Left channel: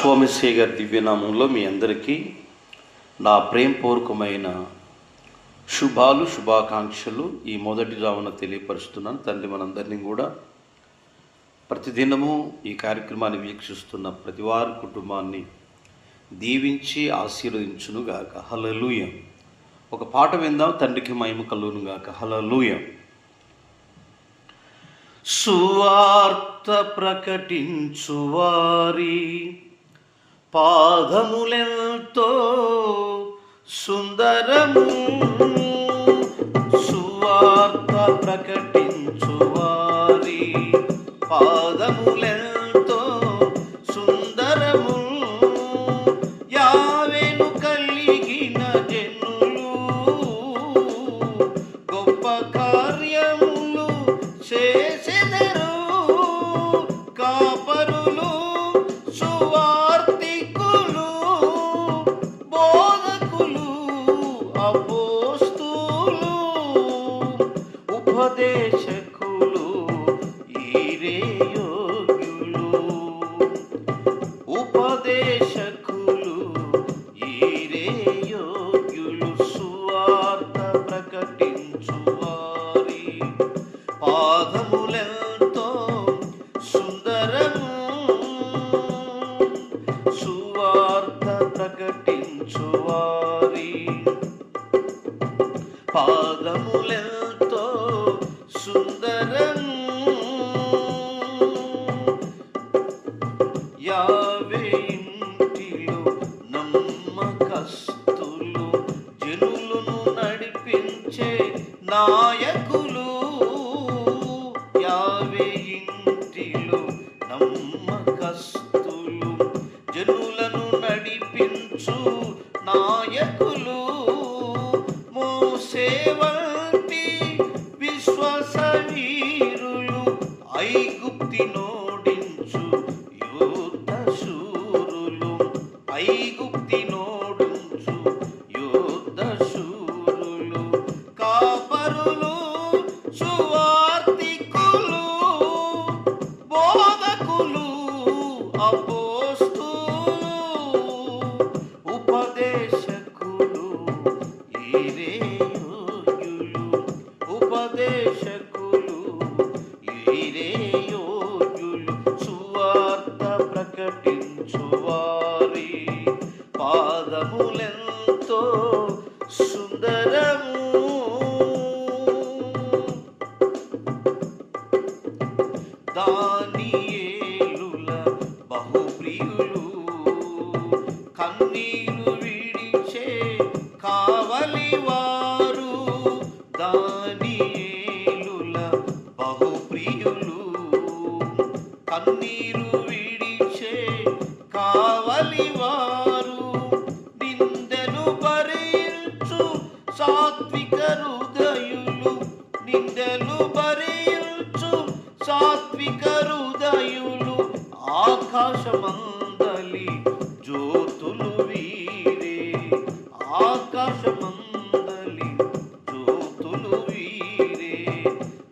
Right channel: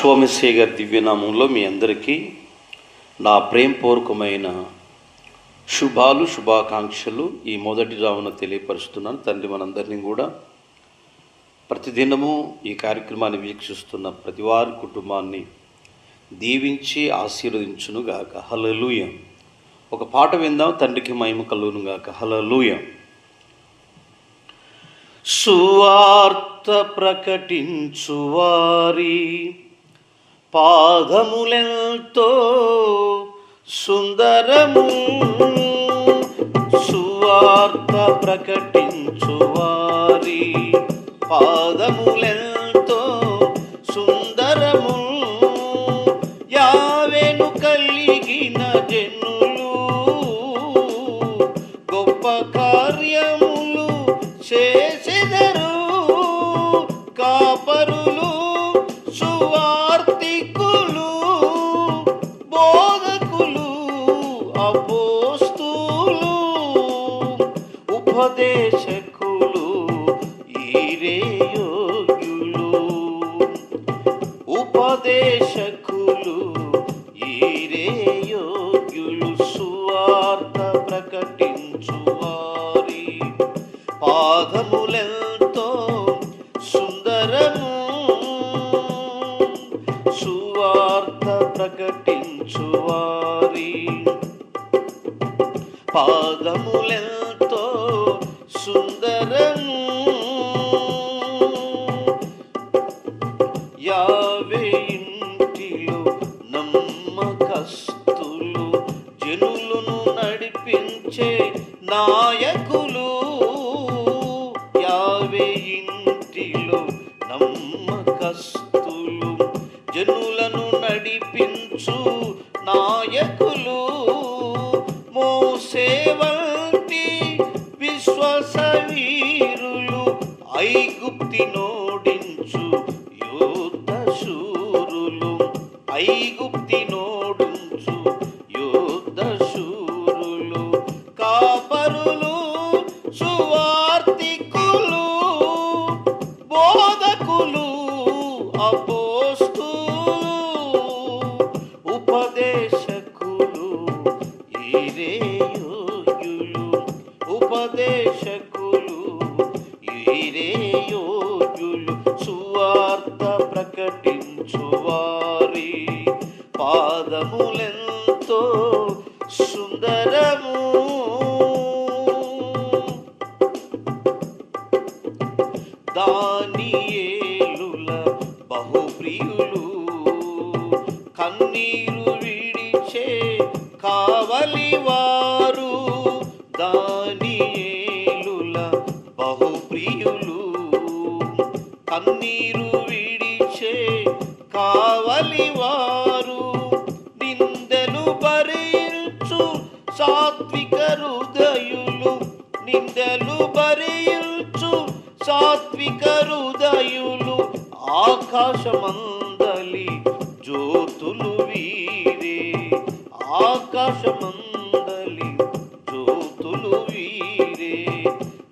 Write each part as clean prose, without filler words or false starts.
యెహోవా గారి దివ్యనామంలో మీ అందరికీ నా ప్రేమపూర్వకమైన శుభాకాంక్షలు ఈ మొదటి జామున తెలియపరుస్తున్నాను. తండ్రి మనందరినీ కూడా ప్రతిదినము ఈ కార్యక్రమాన్ని వీక్షిస్తున్న ప్రతి వారి కుటుంబాన్ని దీవించి ఆశీర్వదించునుగాక. హల్లెలూయా. ఒక పాట విందాం. తండ్రికి మహిమ కలుగునుగాక. హల్లెలూయా. సువార్త ప్రకటించువారి పాదములెంతో సుందరము, సువార్త ప్రకటించువారి పాదములెంతో సుందరము, యావేను కలిగిన జనులు గొప్ప కార్యములు చేసెదరు, కాపరులు సువార్తికులు బోధకులు అపోస్తులు ఉపదేశకులు ఈరే యోగ్యులు, ఉపదేశకులు ఈరే యోగ్యులు, సువార్త ప్రకటించువారి పాదములెంతో సుందరము, సువార్త ప్రకటించువారి పాదములెంతో సుందరము, యావే ఇంటిలో నమ్మకస్తులు జనులను నడిపించే నాయకులు, యావే ఇంటిలో నమ్మకస్తులు జనులను నడిపించు నాయకులు, మోసే వంటి విశ్వాసవీరులు ఐగుప్తి నోడించు యోధ శూరులు, ఐగుప్తి నోడించు యోధ శూరులు, కాపరులు సువార్తికులు బోధకులు అపోస్తులు ఉపదేశకులు ఈరే యోగ్యులు, ఉపదేశకులు ఈరే యోగ్యులు, సువార్త ప్రకటించువారి పాదములెంతో సుందరము, దానియేలుల బహుప్రియులు కన్నీరు విడిచే కావలివారు, దానియేలుల బహుప్రియులు కన్నీరు విడిచే కావలివారు, నిందలు భరించు సాత్విక హృదయులు, నిందలు భరించు సాత్విక హృదయులు, ఆకాశమందలి జ్యోతులు వీరే, ఆకాశమందలి జ్యోతులు వీరే,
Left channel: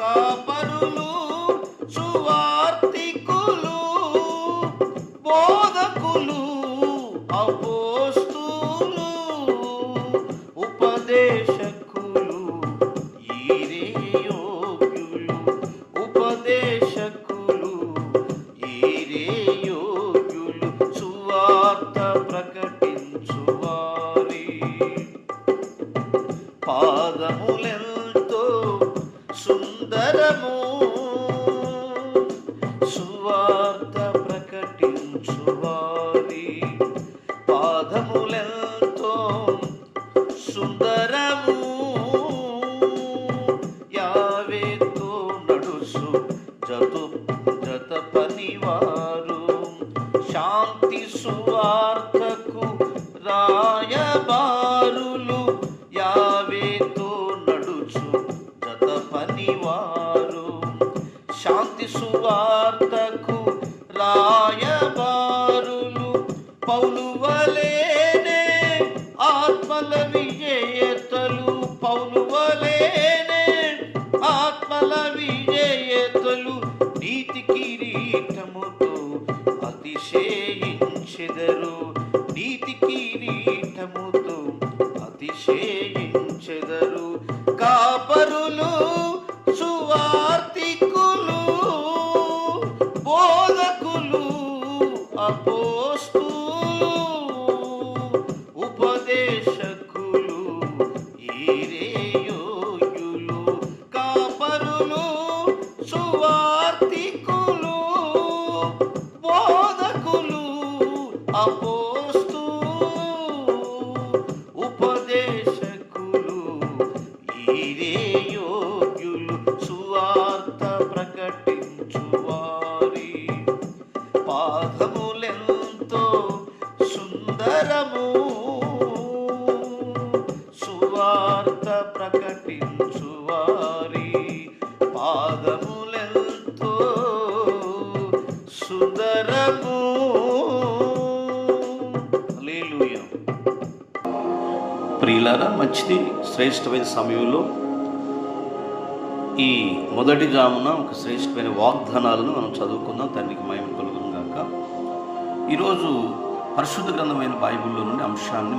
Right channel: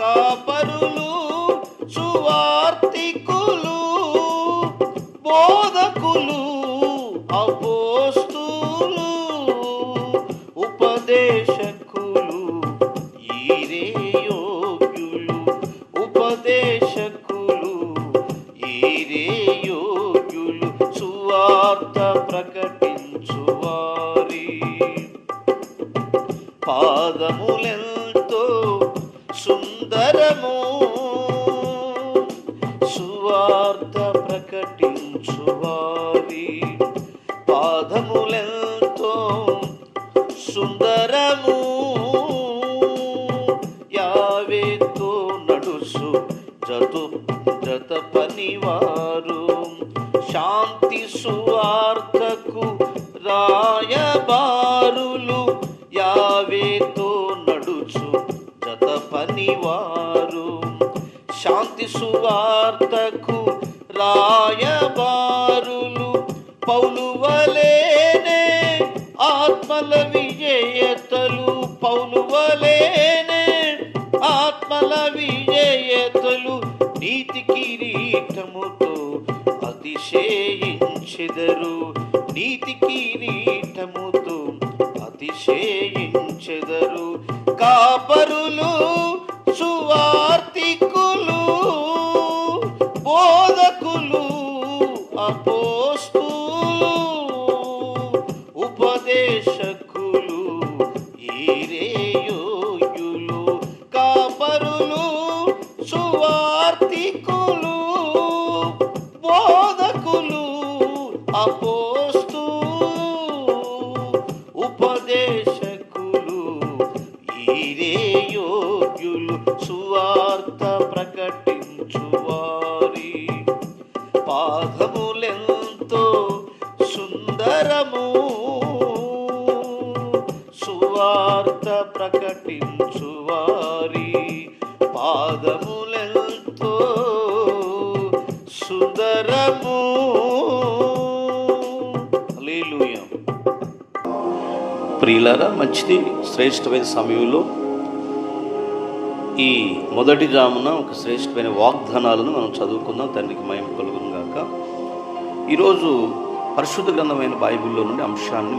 కాపరులు సువార్తికులు బోధకులు అపోస్తులు ఉపదేశకులు ఈరే యోగ్యులు, ఉపదేశకులు ఈరే యోగ్యులు, సువార్త ప్రకటించువారి పాదములెంతో సుందరము, సువార్త ప్రకటించువారి పాదములెంతో సుందరము, యావేతో నడుసు జత పనివారు శాంతి సువార్తకు రాయబారులు, యావేతో నడుచు జత పనివారు శాంతి సువార్తకు రాయబారులు, పౌలు వలెనే ఆత్మల విజేతలు, పౌలు వలెనే ఆత్మల విజేతలు, నీతి కిరీటముతో అతిశయించే స్తుతించెదరు, నీతి కిరీటముతో అతిశయించెదరు. కాపరులు, సువార్తికులు, బోధకులు, అపోస్తులు, ఉపదేశకులు, ఈరేయోగ్యులు. కాపరులు, సువార్తికులు, బోధకులు, అపోస్తులు, ఉపదేశకులు, ఈరేయోగ్యులు. సువార్త ప్రకటించువారి పాదములెంతో సుందరము. సువార్త ప్రకటించువారి పాదములెంతో సుందరము. హల్లెలూయా. ప్రియులారా, మంచిది. శ్రేష్టమైన సమయంలో ఈ మొదటి జామున ఒక శ్రేష్టమైన వాగ్దానాలను మనం చదువుకుందాం. తండ్రికి మహిమ కలుగును గాక. ఈరోజు పరిశుద్ధ గ్రంథమైన బైబిల్లో నుండి అంశాన్ని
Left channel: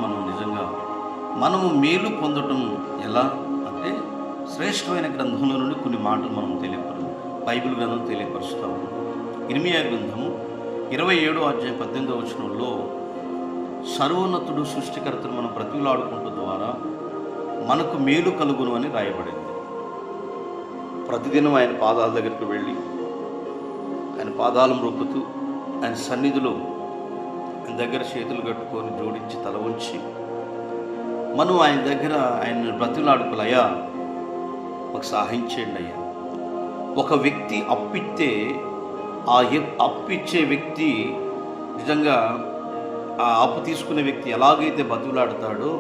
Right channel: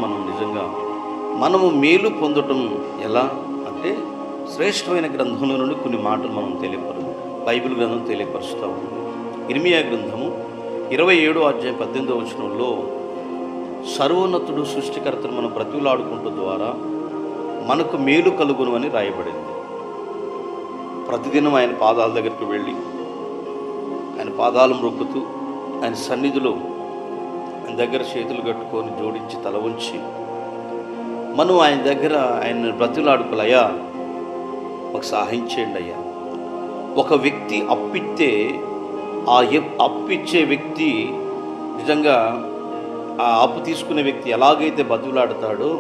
మనము మేలు పొందటం ఎలా అంటే, శ్రేష్టమైన గ్రంథంలో నుండి కొన్ని మాటలు మనం బైబిల్ గ్రంథం తెలియపరుస్తూ ఉంది. ఇర్మియా గ్రంథము 27:18 సర్వోన్నతుడు సృష్టికర్తను మనం బ్రతిలాడుకుంటూ ద్వారా మనకు మేలు కలుగును అని రాయబడింది. ప్రతిదినం ఆయన పాదాల దగ్గరికి వెళ్ళి ఆయన పాదాలు మొక్కుతూ ఆయన సన్నిధిలో ఆయన దగ్గర చేతులు కట్టుకొని జోడించి తల ఉంచి మనం ఆయన దగ్గర ఆయన బ్రతిలాడుకోలయ్యా, మాకు సహాయం చేయండి అయ్యా. ఒక వ్యక్తి అప్పిస్తే ఆ అప్పిచ్చే వ్యక్తి నిజంగా ఆ అప్పు తీసుకునే వ్యక్తి ఎలాగైతే బ్రతిలాడుతాడో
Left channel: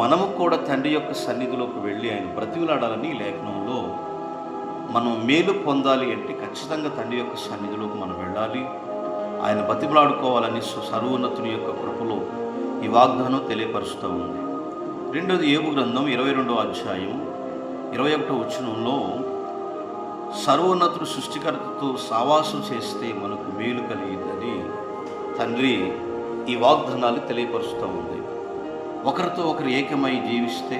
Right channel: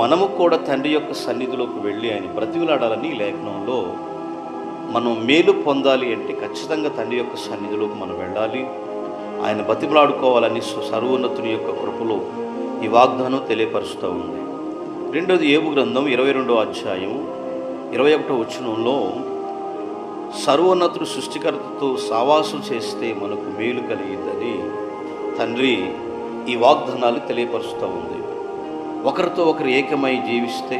మనము కూడా తండ్రి యొక్క సన్నిధిలోకి వెళ్ళి ఆయన బ్రతిలాడాలని ఈ లేఖనంలో మనం మేలు పొందాలి అంటే ఖచ్చితంగా తండ్రి యొక్క సన్నిధిలోకి మనం వెళ్ళాలి, ఆయన బతిమలాడుకోవాలని సర్వోన్నతుని యొక్క కృపలో ఈ వాగ్దానం తెలియపరుస్తూ ఉంది. రెండోది యోబు గ్రంథం 22:21 సర్వోన్నతుడు సృష్టికర్తతో సావాసం చేస్తే మనకు మేలు కలిగిందని తండ్రి ఈ వాగ్దానాలు తెలియపరుస్తూ ఉంది. ఒకరితో ఒకరు ఏకమై జీవిస్తే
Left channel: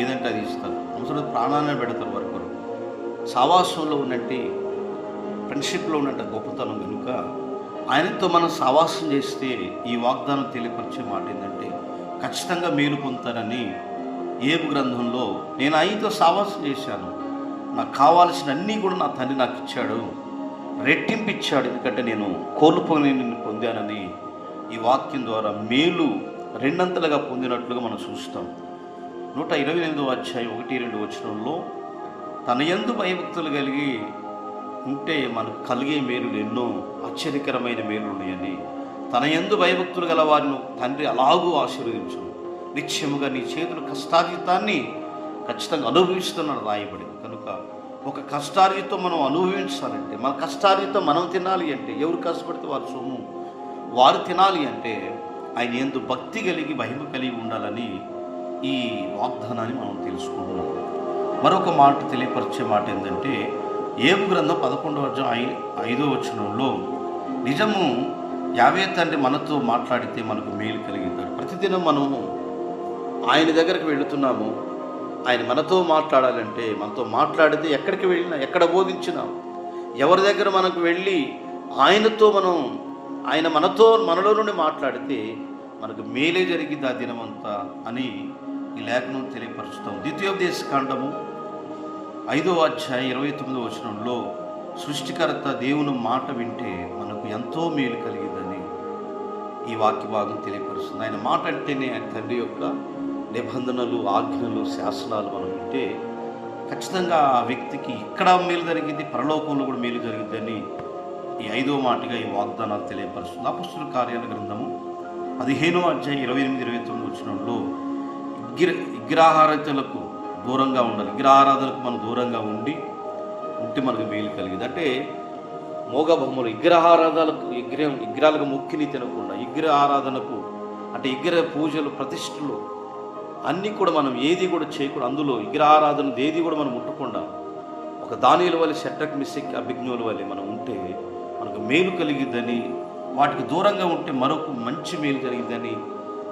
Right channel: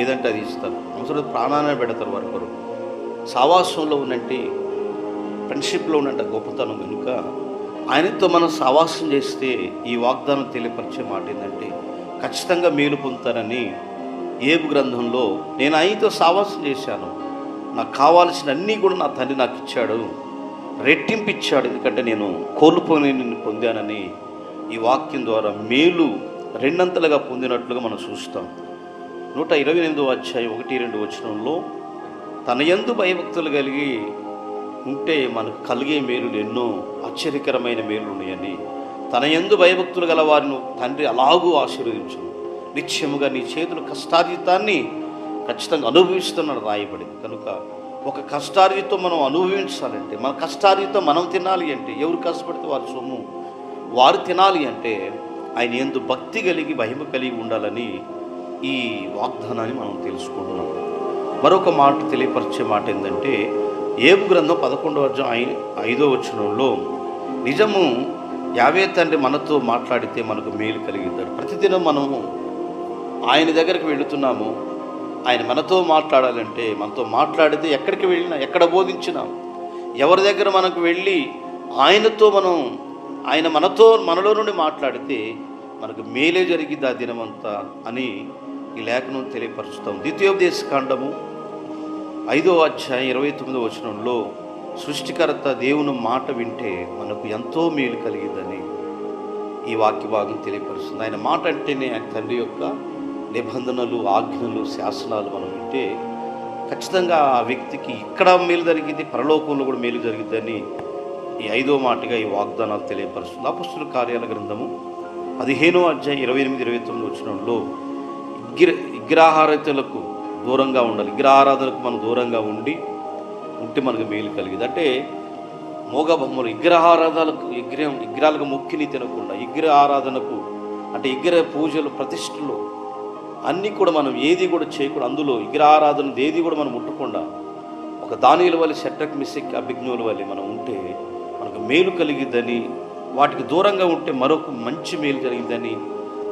ఏదంటే అది ఇస్తారు. అవసరం ప్రాణాన్ని పెడతారు వరకొరు. సావాసంలో ఉన్నట్టు, ఫ్రెండ్షిప్లో ఉన్నట్టు గొప్పతనం కనుక ఆయనతో మనం సావాసం చేస్తే ఈ వాగ్దానం తెలియపరిచే మాట ఏంటంటే ఖచ్చితంగా మేలు పొందుతారని యోబు గ్రంథంలో నేను ఆయనతో సావాసం చేశాను, నాకు కావాల్సిన అన్నీ కూడా నా తండ్రి నాకు ఇచ్చాడు, రెట్టింపు ఇచ్చాడు, ఎందుకంటే నేను కోల్పోని పొందానని ఈ వాక్యం ద్వారా మేలు రెండంతలుగా పొందినట్లుగా మనం చూస్తాం. 128:1-2 తన యందు భయభక్తులు కలిగి ఉంటే మనకు కలిగే మేలులు ఎన్నో ఆశ్చర్యకరమైన మేలు ఉన్నాయని, తన యందు భయభక్తులు గల వారిని తండ్రి అలాగూ ఆశీర్వదించును, నిత్యముగా నీ చేతుల కష్టార్జితాన్ని ఖచ్చితంగా అనుభవిస్తున్నాడు రాయబడింది. కనుక ఒక కష్టార్జితం మనం అనుభవించాలంటే, మన కష్టార్జితం మనం తినాలి అంటే, ఎవరు కష్టపడితే వారి సొమ్ము వారు తినాలి అంటే ఆయన యందు భక్తి కలిగి భయం కలిగి ఉండాలని ఈ వాగ్దానాన్ని మనం తెలుసుకుంటున్నాం. మరొక మాట తెలియపరిచే మాట ఏంటంటే యోబు గ్రంథం 11:5 నిజము యావే తండ్రి మనతో మాట్లాడితే మనకు మేలు కలిగిద్దాడు. ప్రతిదినం మనము ఆయన దగ్గరికి వెళుతున్నాము, ఆయన మనతో మాట్లాడాలంటే మనతో మాట్లాడితే ఎక్కడికి వెళ్ళినా, ఎక్కడ బోధించినా, ఎవరి దగ్గర మనకు వెళ్ళి ఆయన మనలో నుండి మాట్లాడితే మనకు మేలే జరిగింది ఆ దినమంతా అని ఈ లేఖనం తెలియపరుస్తాం. ద్వితీయోపదేశకాండము 5:29 సృష్టికర్త దేవుని మాట వింటే మనకు ఎంతో మేలు కలిగిందని ఈ వాక్య భాగం తెలియపరుస్తుంది. ఆయన మాట అంటేనే ఆయన తండ్రి యొక్క నిబంధనలు, ఆజ్ఞలు, శాసనాలు మనం వింటే ఖచ్చితంగా ఆ వ్యక్తికి ఇక్కడ మేలు జరిగింది, పరలోకంలో కూడా మేలు జరిగిద్దని ఈ 5వ మాటగా ఈ వాగ్దానాలు తెలియపరుస్తుంది. అపొస్తలుల కార్యాల గ్రంథము 15:28-29 విగ్రహారాధనలకు దూరంగా ఉండాలి. విగ్రహారాధనకు మనం దూరంగా ఉంటే మనకు మేలు కలిగింది. అంటే మోగబొమ్మలు విగ్రహాలకు మొక్కిని తినకుండా, విగ్రహారాధనకు అంటే విగ్రహ పూజలు, ప్రతిష్టలు అన్నీ కూడా మనం ఏది కూడా చేయకుండా, అందులో విగ్రహారాధన ఏది కూడా మనం ముట్టకుండా ఒక దానియేలు వలె, షడ్రక్, మెషక్, అబేద్నెగోల వలె మనం ఉంటే మనకు మేలు కలిగిద్దని వాటికి దూరంగా ఉంటే మరొక మంచి మేలు జరిగిందని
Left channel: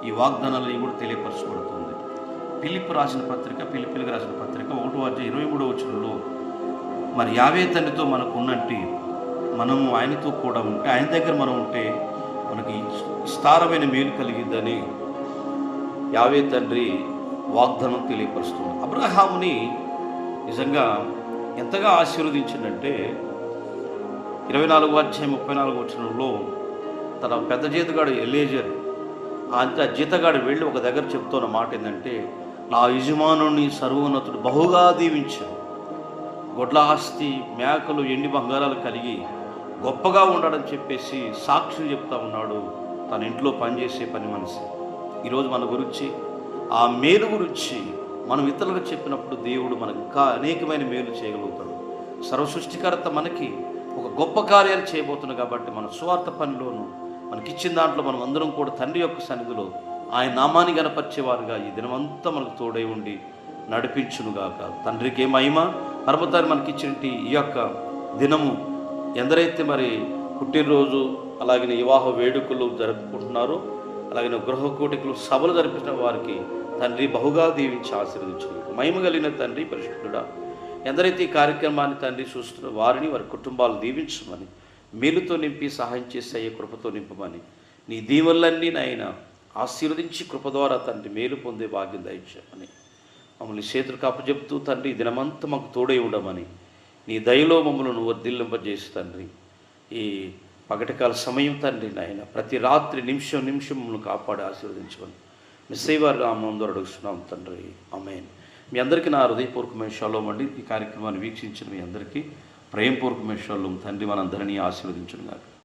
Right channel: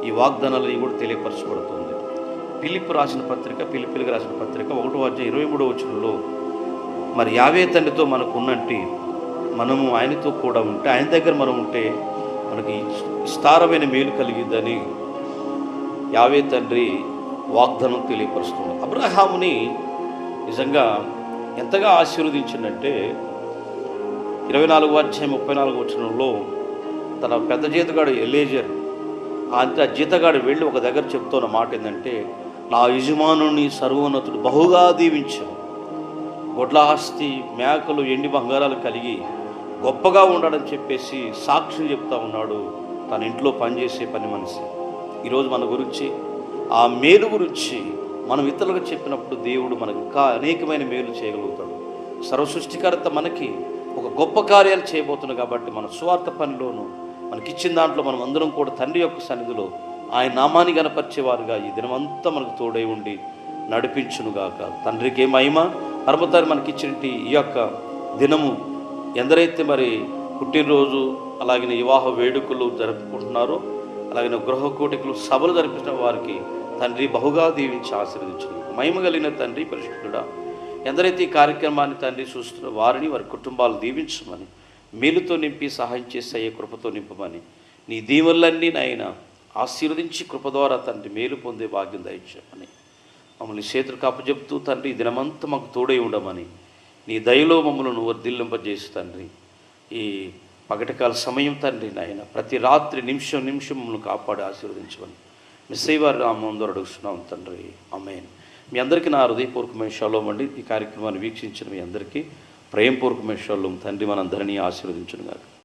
ఈ వాగ్దానాలని కూడా తెలియపరచబడుతుంది. పిలిప్పు రాసిన పత్రిక, పిలిపిలకు రాసిన పత్రిక 1:23 మరి యావే తండ్రితో మనకు ఉన్నట్టు మనము ఆయనతో కూడా ఉంటే, ఆయన దగ్గర మనం ఉంటే మనకి విస్తారమైన మేలు కలిగిద్దని యావే తండ్రి వాగ్దానం తెలియపరుస్తుంది. అబ్రహాముని నిజంగా ఎంతగా ఆశీర్వదించిందంటే 24:34 తన పెద్ద జీతగాడు ఎలేజర్ అంత జీతగాడు వెళ్ళి ఒక దగ్గర చెప్తున్న మాట ఏంటంటే, నా యజమానుని సర్వోన్నతుడు బహుగా దీవించాను, గొడ్ల ఆస్తి, మేకలు, ఎండి బంగారాలు కలిగి గొప్పగా ఉండడని చెప్పేసి సాక్ష్యం చెప్తా ఉన్నాడు తన ఇంట్లో పనిచేసే పని మనిషి. ఈరోజు మన గురించి ఆ మేలు గురించి మనం ఇతరులకు చెప్పినప్పుడు దేవుడు మనకు ఇంకా అనేకమైన మేలు చేయగలుగుతాడు. సర్వసృష్టికర్త మనకి ఒక గొప్ప కార్యాలు చేయబోతున్నాడు కాబట్టి మన స్వార్థ పనిలోనూ మనకిచ్చిన దాంట్లో మనం అందరం కూడా తండ్రి యొక్క సన్నిధిలో ఆయన నామాన్ని గనపరిచేవారుగా ఈ దినమంతా మనకు తోడై ఉండి నడిపించునుగాక. తండ్రికి మహిమ. పరమతారి మనకిచ్చినట్టు ఈ యొక్క దినము ఎందరైతే మరి పుట్టినరోజు అలాగే వివాహ వేడుకలు జరుపుకుంటున్నారో, అలాగే గృహ కోటికలు సభలు జరిపించిన వారికి తండ్రి బహుగా దీవించి ఆశీర్వదించును. మహిమ కలిగిన తండ్రి పరిశుద్ధుడా, ఎందరైతే ఈ కార్యక్రమాన్ని తండ్రి చూస్తున్న వారిని వారి కుటుంబాలు దీవించమని, మేలుతో నింపి సహాయం చేసే కృపతో నింపమని, నీ దీవెనలన్నీ నాయన ఆశీర్వదించి కృప ద్వారా తండ్రి మేలు పొందే భాగ్యం దయచేయమని, మమ్మల్ని చేతులకు అప్పచెప్తూ తండ్రి దినమంతా మాకు తోడై ఉండమని, నీ దయలో మమ్మల్ని వర్ధిల్లింపజేసి తండ్రి ఈ పగటికాల సమయం తండ్రి నాయన ప్రతి రాత్రి నిమిషం మమ్మల్ని కాపాడి ఆశీర్వదించమని మిస్సైవారి రామం ద్వారా అడుగుతున్నాం తండ్రి. ఆమేన్. మీ అందరికీ నా హృదయపూర్వకమైన షాలోమ్ అండి. ఈ కార్యక్రమాన్ని వీక్షించిన మీ అందరికీ ప్రేమపూర్వకమైన షాలోమ్. తండ్రి మనందరినీ ఆశీర్వదించును గాక.